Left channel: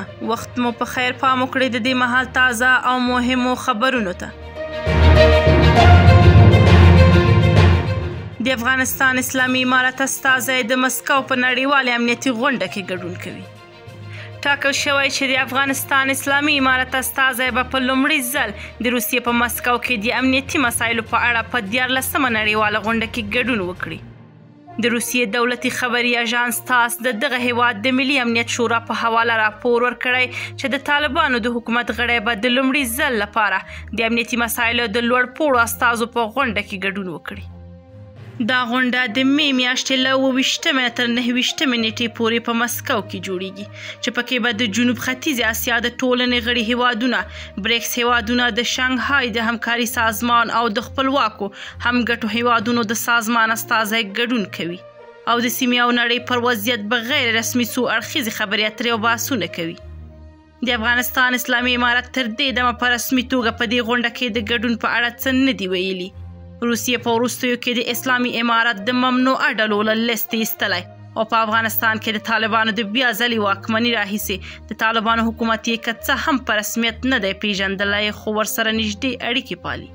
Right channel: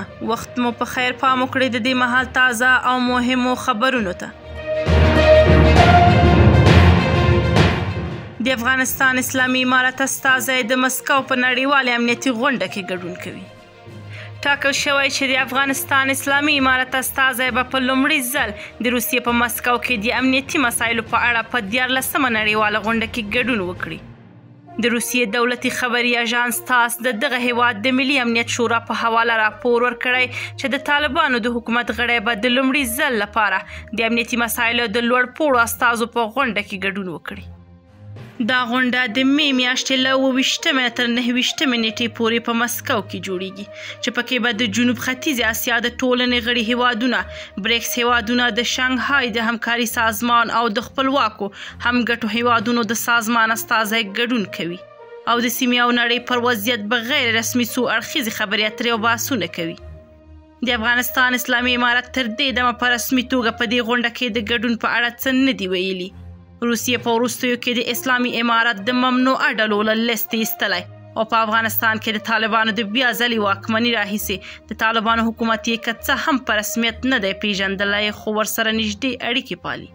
مننه. وخت مو په خیر پام وکړئ د دې مهال تازه او مهمو خبرونو ته. د افغانستان اسلامي امارت استازی د مسکو په نړیوالې امنیتي غونډه کې ګډون کوي. ټاکل شوی چې د افغانستان اسلامي امارت استازی به په لومړي ځل د روسیې په مسکو کې د امنیتي مسایلو په اړه په 14مه نړیواله غونډه کې ګډون وکړي. د روسیې دولتي خبري اژانس تاس د دغه هیواد د ملي امنیت شورا په حواله راپور ورکړی چې د طالبانو د حکومت غړي به د لومړي ځل لپاره د امنیتي مسایلو د لوړ پوړو استازو په غونډه کې ګډون وکړي. دا غونډه د می میاشتې له 28 تر 29 نیټې پورې په مسکو کې جوړیږي چې پکې به د جنوب ختیځ اسیا د ټولنې غړي هیوادونه، بریکس هیوادونه، د شانګهای د همکاري سازمان او د خپلواکو همګټو هیوادونو د سازمان استازي ګډون کوي او د سیمې او نړۍ پر وضعیت بغیر رسمي څو اړخیزې خبرې اترې او بحثونه کوي. د افغانستان اسلامي امارت تر دې دمه په رسمي توګه په دې غونډه کې د ګډون په اړه څه نه دي ویلي. روسیې په وروستیو کې د اسلامي امارت د ممنوعه ډلو له لیست ایستلی او په افغانستان کې د طالبانو د بیا ځلې واکمني راهیسې د طالبانو حکومت یې که څه هم په رسمیت نه دی پیژندلی خو ورسره نږدې اړیکې پالي.